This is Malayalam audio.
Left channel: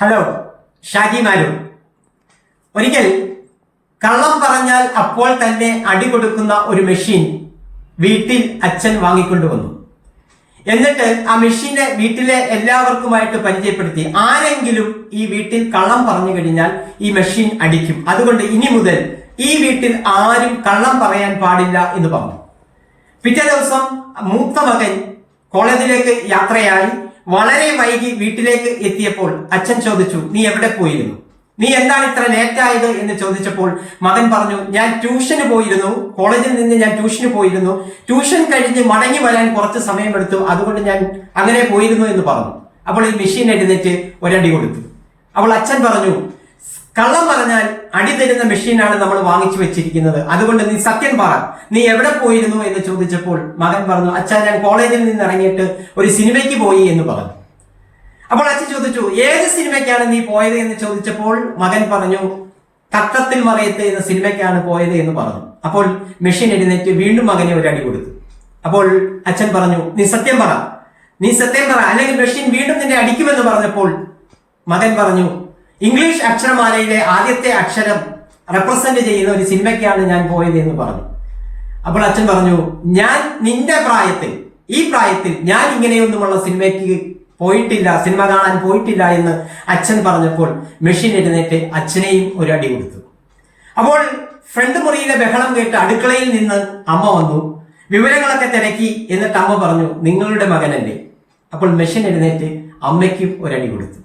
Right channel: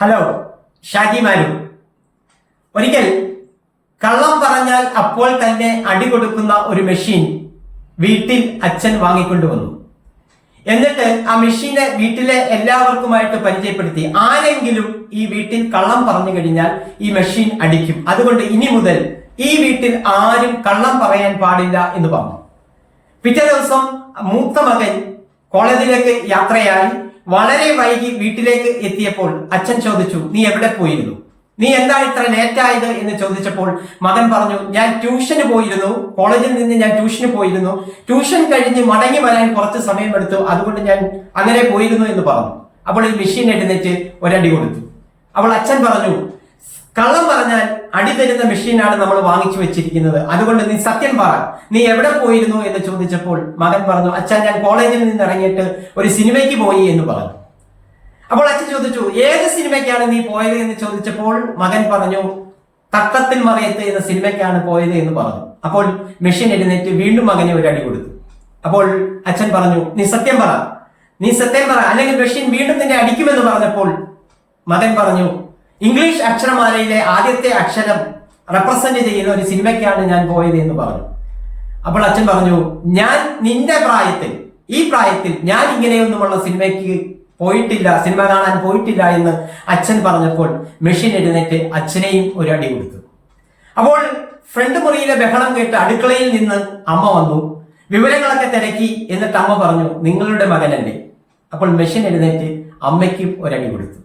ഹലോ ഷാജി മാലു. ഒരിക്കൽ കള്ളം പറഞ്ഞാൽ അപ്പോൾ തന്നെ അടി കൊടുക്കുന്ന ഒരു മെഷീൻ വീട്ടിൽ അച്ഛൻ വാങ്ങിക്കൊണ്ടുവന്നു. എന്നിട്ട് ആ മെഷീനെ വീട്ടിലെ എല്ലാവർക്കുമായിട്ട് പരിചയപ്പെടുത്തി ആരെങ്കിലും ഈ വീട്ടിൽ കള്ളം പറഞ്ഞു കഴിഞ്ഞാൽ ഈ മെഷീൻ അടിക്കും. അതുകൊണ്ട് ഇനി മുതൽ ഈ വീട്ടിൽ ആരും കള്ളം പറയാൻ പാടില്ല എന്ന് പറഞ്ഞു. പിറ്റേ ദിവസം മൂത്ത മകൻ കോളേജിലേക്ക് യാത്രയായി. വളരെ വൈകി വീട്ടിലേക്ക് എത്തിയപ്പോൾ അച്ഛൻ ചോദിച്ചു നീ എവിടെ പോയിരുന്നു? നീ എന്താണ് ഇത്ര ലേറ്റായത് എന്ന് ചോദിച്ചപ്പോൾ മകൻ പറഞ്ഞു ഞാൻ ട്യൂഷന് പോയിരുന്നു കോളേജിൽ നിന്ന് ഞാൻ ട്യൂഷന് പോയിരുന്നു. ട്യൂഷൻ കഴിഞ്ഞ് മടങ്ങി വരാൻ കുറച്ച് സമയമെടുത്തു. അതുകൊണ്ട് ഞാൻ അങ്ങനെ പോയിരുന്നു എന്ന് പറഞ്ഞു. അപ്പോൾ ഈ മെഷീൻ എഴുന്നേറ്റ് ഒരടി കൊടുത്തു. അപ്പോൾ അച്ഛൻ പറഞ്ഞു കള്ളം പറഞ്ഞാൽ അടി തരുന്ന മെഷീനാണ് നമ്മൾ വാങ്ങിച്ചു വെച്ചിരിക്കുന്നത്. അതുകൊണ്ട് നീ സത്യം പറ നീ എവിടെ പോയിരുന്നു? എന്ന് ചോദിച്ചപ്പോൾ മകൻ പറഞ്ഞു അച്ഛൻ ഞാൻ കോളേജിൽ നിന്ന് ഇറങ്ങിയിട്ട് ഒരു സിനിമയ്ക്ക് പോയി എന്ന് പറഞ്ഞു. അപ്പോൾ അച്ഛൻ ചോദിച്ചു ഏത് സിനിമയ്ക്കാണ് നീ പോയത്? എന്ന് ചോദിച്ചപ്പോൾ മകൻ പറഞ്ഞു തത്തത്തിൽ മറയത്ത് എന്ന സിനിമയ്ക്കാണ് പോയത് എന്ന് പറഞ്ഞു. അപ്പോൾ മെഷീൻ എഴുന്നേറ്റ് വീണ്ടും മകനെ ഒരു അടി കൊടുത്തു. അപ്പോൾ അച്ഛൻ പറഞ്ഞു നീ സത്യം പറ നീ സത്യം പറ. അല്ലെങ്കിൽ മെഷീൻ വീണ്ടും നിന്നെ അടിക്കുമെന്ന് പറഞ്ഞപ്പോൾ മകൻ പറഞ്ഞു ഇംഗ്ലീഷ് അക്ഷരമാലയിലെ ആദ്യത്തെ അക്ഷരം റെപ്രസെന്റ് ചെയ്യുന്ന ഒരു സിനിമയ്ക്കാണ് ഞാൻ പോയത് എന്ന് പറഞ്ഞു. അപ്പോൾ അച്ഛൻ പറഞ്ഞു ഞാൻ നിന്റെ പ്രായത്തിൽ ഈ പ്രായത്തിൽ ഞാൻ ഇങ്ങനെയൊന്നുമുള്ള സിനിമയ്ക്ക് പോയിട്ടില്ല സിനിമ കാണാൻ പോയിട്ടില്ല എന്ന് അച്ഛൻ പറഞ്ഞപ്പോൾ മെഷീൻ എഴുന്നേറ്റ് അച്ഛനെയും ഒരു അടി കൊടുത്തു. അപ്പോൾ ഫ്രണ്ട് മുറിയിലെ ബഹളം കേട്ട് അടുക്കളയിൽ നിന്ന് അമ്മ വന്നു. വിവരങ്ങളൊക്കെ തിരക്കി എന്നിട്ട് അമ്മ പറഞ്ഞു നിങ്ങളുടെ മകനല്ലേ? അപ്പോൾ മെഷീൻ എഴുന്നേറ്റ് അമ്മയ്ക്കും ഒരടി കൊടുത്തു.